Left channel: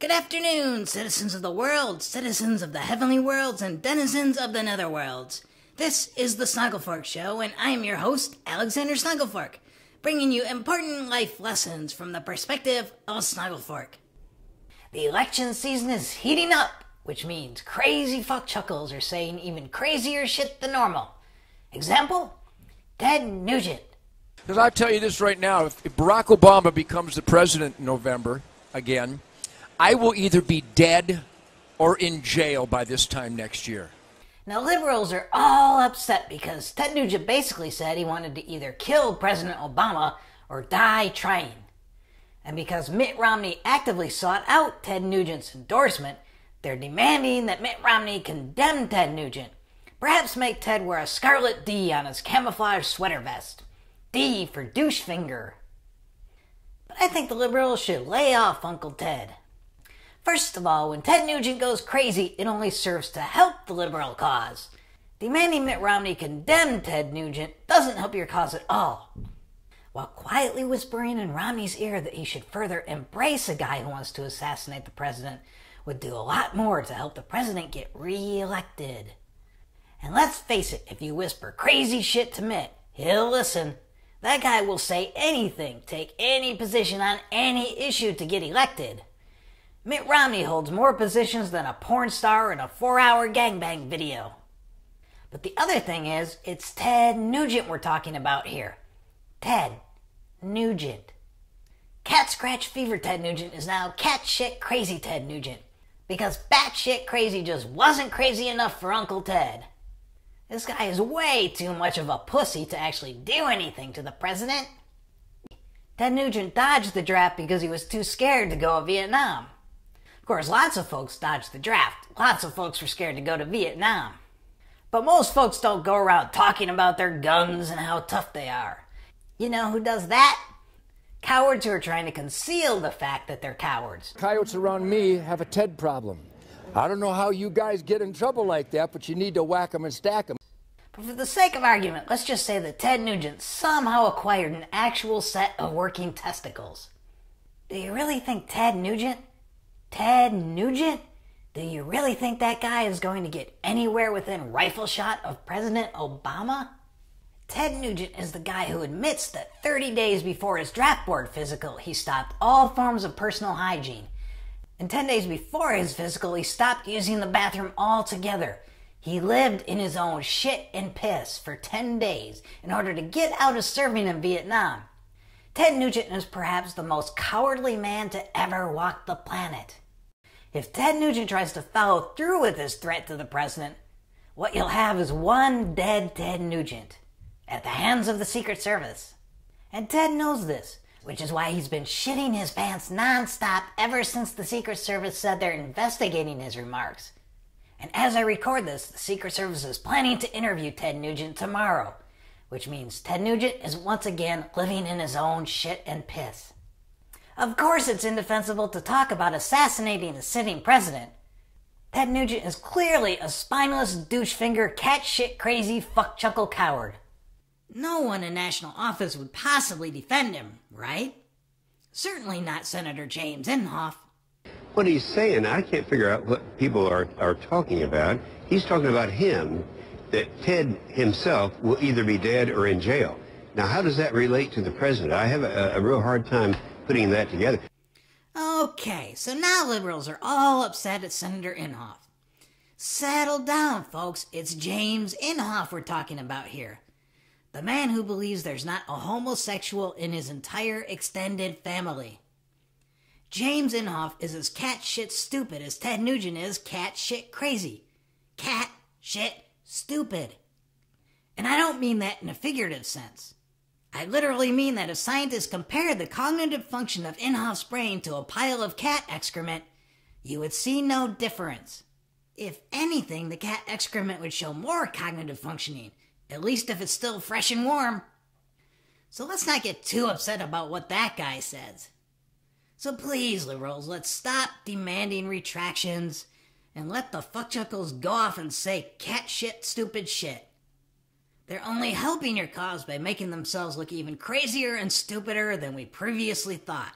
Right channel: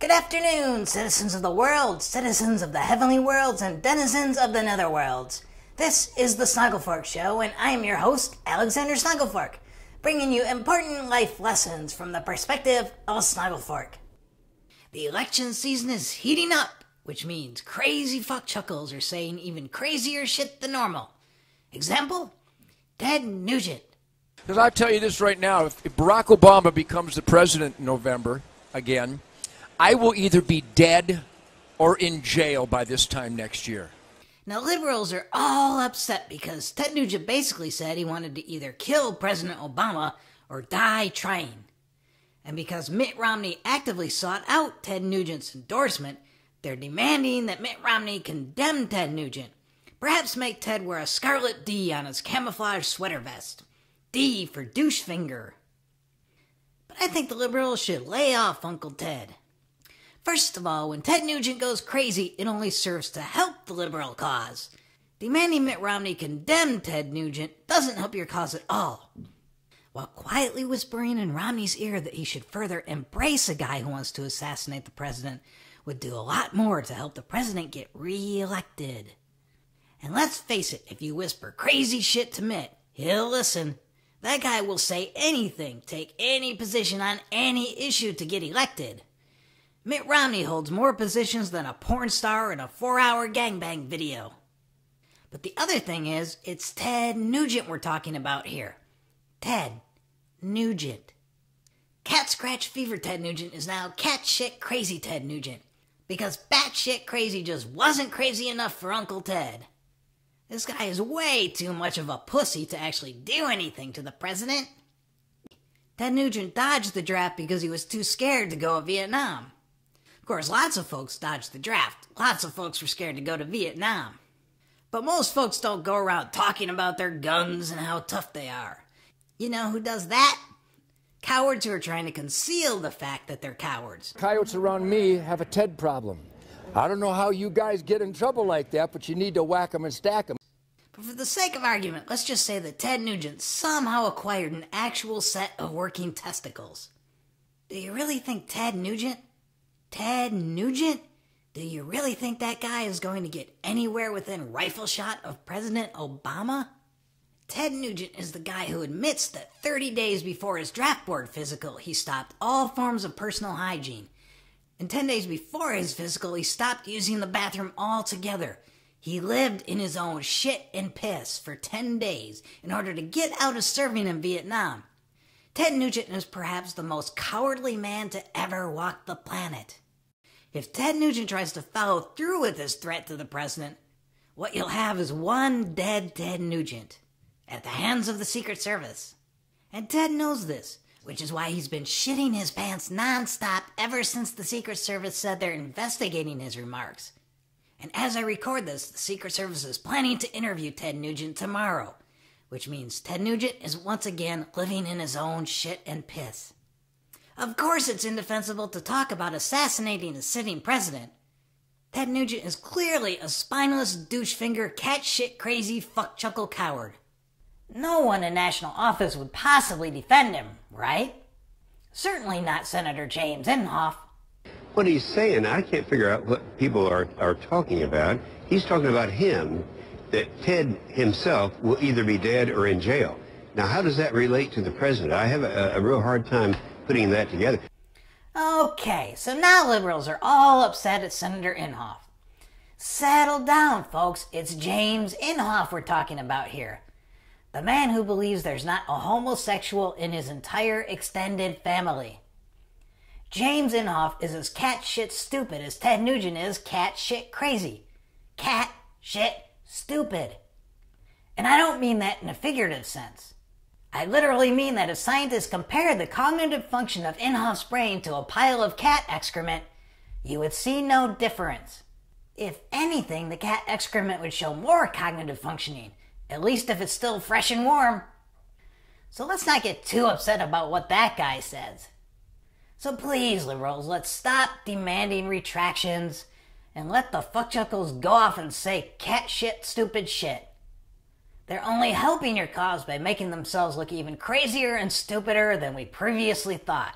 Good afternoon, citizens of the world, citizens of the heavenly worlds, and denizens of the netherworlds. This is the Snogglefork Show, and I am your host, Alexander Snogglefork, bringing you important life lessons from the perspective of Snogglefork. The election season is heating up, which means crazy fuckchuckles are saying even crazier shit than normal. Example? Ted Nugent. Because I'll tell you this right now, if Barack Obama becomes the president in November again, I will either be dead or in jail by this time next year. Now, liberals are all upset because Ted Nugent basically said he wanted to either kill President Obama or die trying. And because Mitt Romney actively sought out Ted Nugent's endorsement, they're demanding that Mitt Romney condemn Ted Nugent. Perhaps make Ted wear a scarlet D on his camouflage sweater vest. D for douche finger. But I think the liberals should lay off Uncle Ted. First of all, when Ted Nugent goes crazy, it only serves to help the liberal cause. Demanding Mitt Romney condemn Ted Nugent doesn't help your cause at all. While quietly whispering in Romney's ear that he should further embrace a guy who wants to assassinate the president would do a lot more to help the president get re-elected. And let's face it, if you whisper crazy shit to Mitt, he'll listen. That guy will say anything, take any position on any issue to get elected. Mitt Romney holds more positions than a porn star in a 4-hour gangbang video. But the other thing is, it's Ted Nugent we're talking about here. Ted Nugent. Cat scratch fever Ted Nugent is now cat shit crazy Ted Nugent. Because batshit crazy just wasn't crazy enough for Uncle Ted. This guy is way too much of a pussy to actually do anything to the president. Ted Nugent dodged the draft because he was too scared to go to Vietnam. Of course, lots of folks dodged the draft. Lots of folks were scared to go to Vietnam. But most folks don't go around talking about their guns and how tough they are. You know who does that? Cowards who are trying to conceal the fact that they're cowards. Coyotes around me have a Ted problem. I don't know how you guys get in trouble like that, but you need to whack them and stack them. But for the sake of argument, let's just say that Ted Nugent somehow acquired an actual set of working testicles. Do you really think Ted Nugent? Do you really think that guy is going to get anywhere within rifle shot of President Obama? Ted Nugent is the guy who admits that 30 days before his draft board physical, he stopped all forms of personal hygiene. And 10 days before his physical, he stopped using the bathroom altogether. He lived in his own shit and piss for 10 days in order to get out of serving in Vietnam. Ted Nugent is perhaps the most cowardly man to ever walk the planet. If Ted Nugent tries to follow through with his threat to the president, what you'll have is one dead Ted Nugent at the hands of the Secret Service. And Ted knows this, which is why he's been shitting his pants non-stop ever since the Secret Service said they're investigating his remarks. And as I record this, the Secret Service is planning to interview Ted Nugent tomorrow, which means Ted Nugent is once again living in his own shit and piss. Of course it's indefensible to talk about assassinating a sitting president. Ted Nugent is clearly a spineless douche-finger, cat-shit crazy fuck-chuckle coward. No one in national office would possibly defend him, right? Certainly not Senator James Inhofe. What he's saying, I can't figure out what people are talking about. He's talking about him, that Ted himself will either be dead or in jail. Now, how does that relate to the president? I have a real hard time putting that together. Okay, so now liberals are all upset at Senator Inhofe. Settle down, folks. It's James Inhofe we're talking about here. The man who believes there's not a homosexual in his entire extended family. James Inhofe is as cat shit stupid as Ted Nugent is cat shit crazy. Cat shit stupid. And I don't mean that in a figurative sense. I literally mean that if scientists compared the cognitive function of Inhofe's brain to a pile of cat excrement, you would see no difference. If anything, the cat excrement would show more cognitive functioning, at least if it's still fresh and warm. So let's not get too upset about what that guy says. So please, liberals, let's stop demanding retractions and let the fuckchuckles go off and say cat shit stupid shit. They're only helping your cause by making themselves look even crazier and stupider than we previously thought.